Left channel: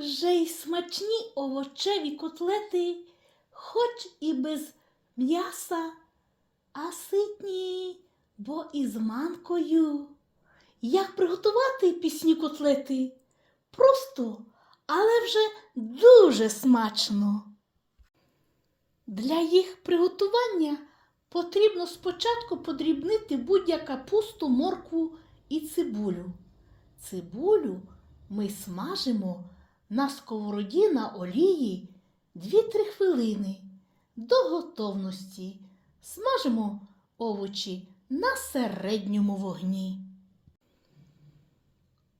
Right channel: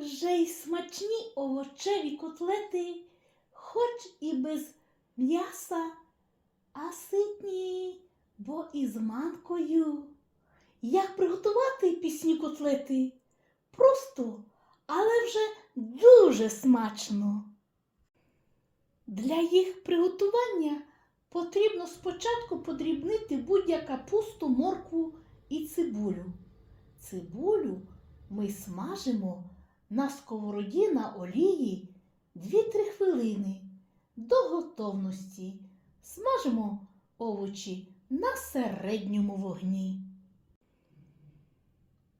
Вже й смачні овочеві котлети, хоч і без м'яса, а ситні, бо із манкою. Як приготувати пісні котлети? Просто, але вже дуже смачно. Для їх приготування потрібно спочатку подрібнити будь-яку капусту, моркву і цибулю. Цибулю ми смажимо на сковороді на олії 2-3 хвилини до готовності. Смажимо овочі на середньому вогні.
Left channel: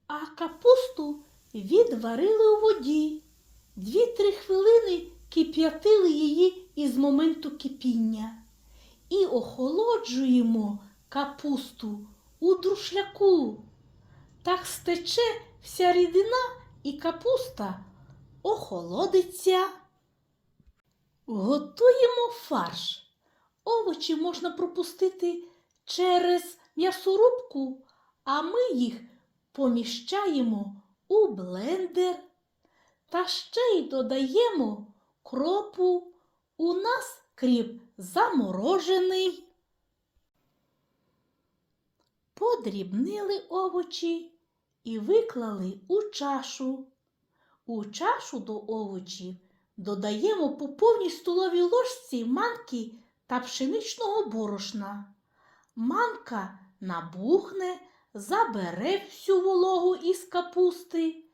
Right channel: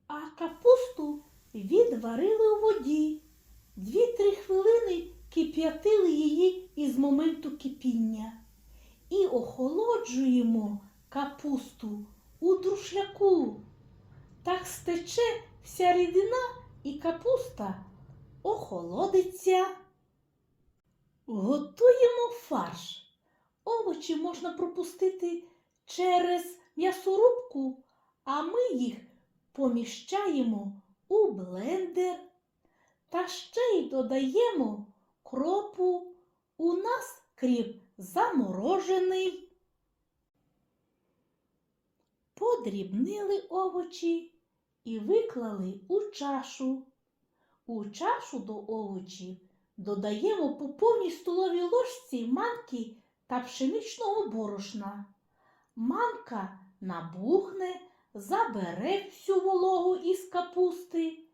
А капусту відварили у воді. 2-3 хвилини кип'ятили її із моменту кипіння. І охолоджуємо капусту у друшляку. Так стече вся рідина і капуста охолодиться. Готуємо фарш. Овочі можна пропустити через м'ясорубку, а ми їх поміщаємо у блендер та ще й додаємо кропу. У нас кріп заморожений. Подрібнили овочі і виклали у чашу. У чашу до овочів додаємо по повній столовій ложці манки та пшеничного борошна. Манка набухне, забере всю вологу із капусти,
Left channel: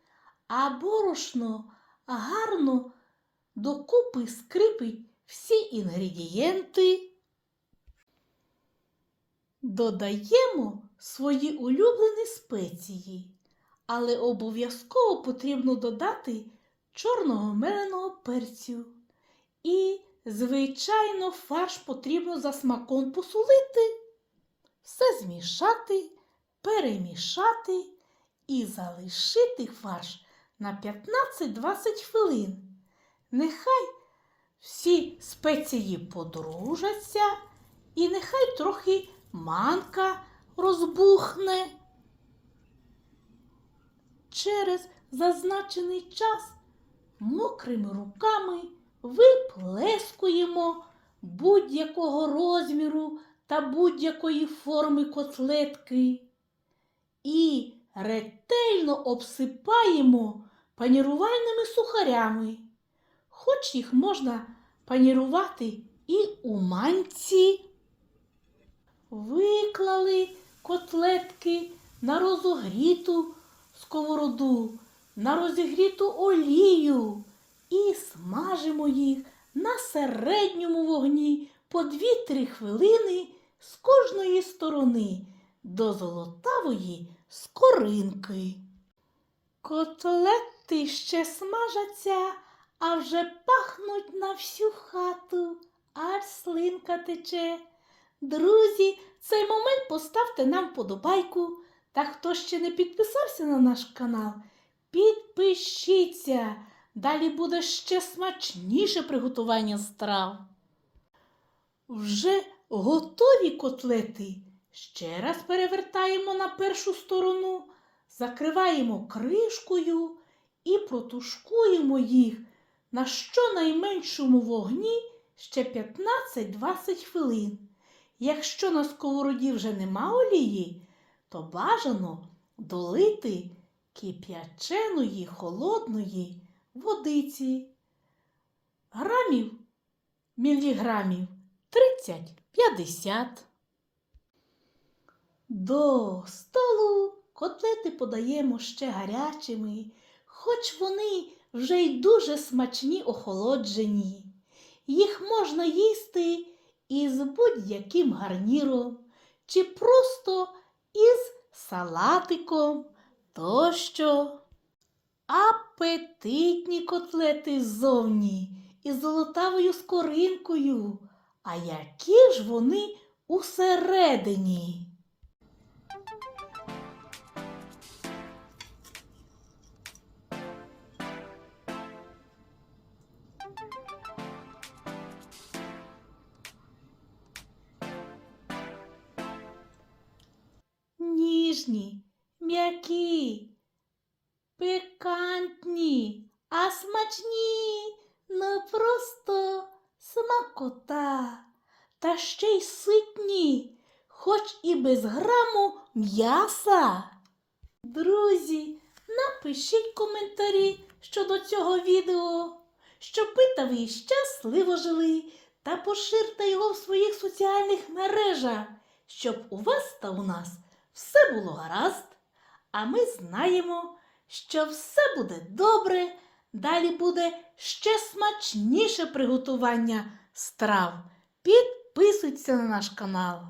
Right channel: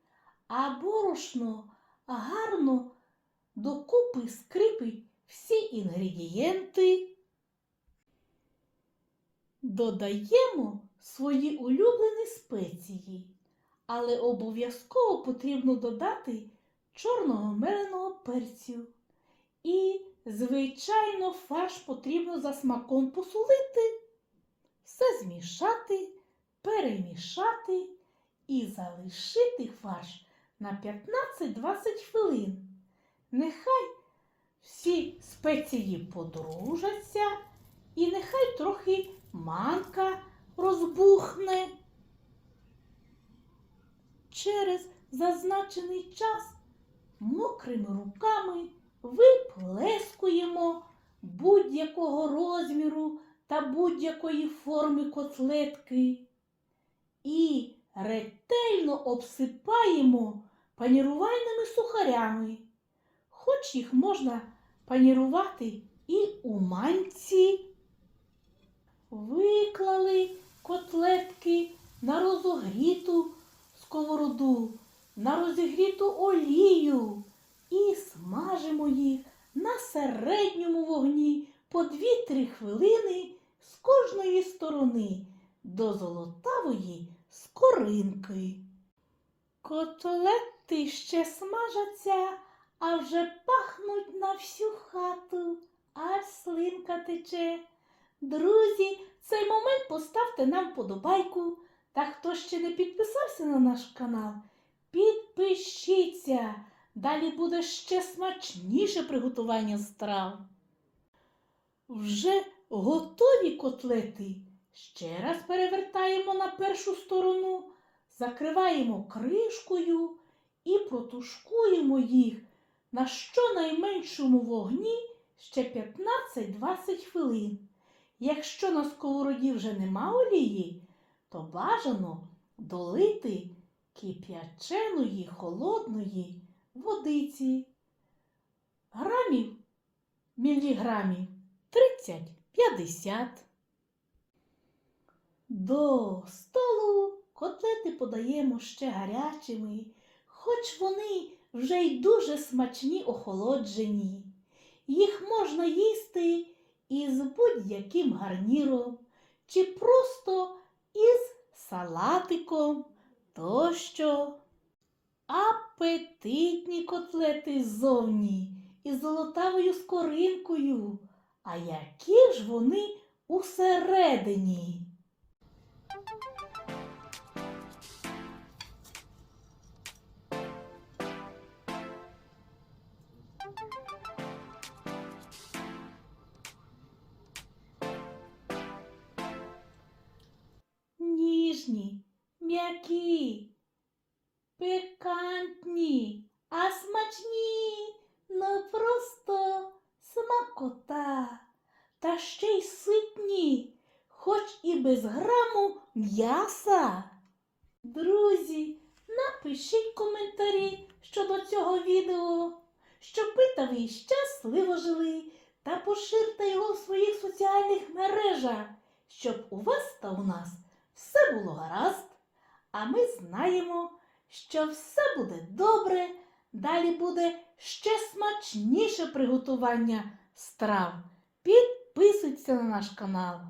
а борошно гарно докупи скрипить всі інгредієнти. Додаємо свої улюблені спеції, але обов'язково потрібно додати чорного меленого перцю. І, звичайно, фарш потрібно за смаком посолити, все змішати, перемішати і залишити фарш на 15-20 хвилин. Нехай всі спеції подружаться, і нехай трохи манка розбухне. Через зазначений час мокрими руками виплескуємо будь-якого розміру та будь-якої форми котлетки і ретельно обсипаємо панірувальними сухарями, хоч їх можна панірувати і у манці. Виклали котлетки на розогріту сковороду, на розігріту олію і смажимо їх на середньому вогні по 2-3 хвилини з кожної сторони до золотавої скоринки. Котлети ще смажаться, а вже пахнуть на всю хату, аж слинка тече. Друзі, цей момент поставте нам подобайку. Та хто ще не підписався на наш канал, підпишіться. Далі буде ще смачніше приготування страв. Вже готові котлети. Ще раз перевертаємо на першу сторону, закриваємо кришкою і протушкуємо їх на щонайменшому вогні ще 15-20 хвилин. Якщо на сковороді вже нема олії, то бажано долити кип'яченої холодної водиці. Грамів, міліграмів 30-50. До столу котлети подаємо ще гарячими, хоч вони вже й дуже смачні охолоджені. Їх можна їсти із будь-яким гарніром чи просто із салатиком тощо. Апетитні котлети ззовні із золотавою скоринкою. А які ж вони усередині? Ніжні, м'які, пикантні, а смачні, ну просто смакота. Та ще й ситні, хоч і без граму м'яса. Друзі, напишіть коментарі щодо цього відео, щоб ви та ви щасливо жили та поширте його в своїх соціальних мережах, щоб у вас та у нас все було гаразд. А ми знаємо, що все буде добре. Далі буде ще смачніше приготування страв. Підписуйтесь на наш канал.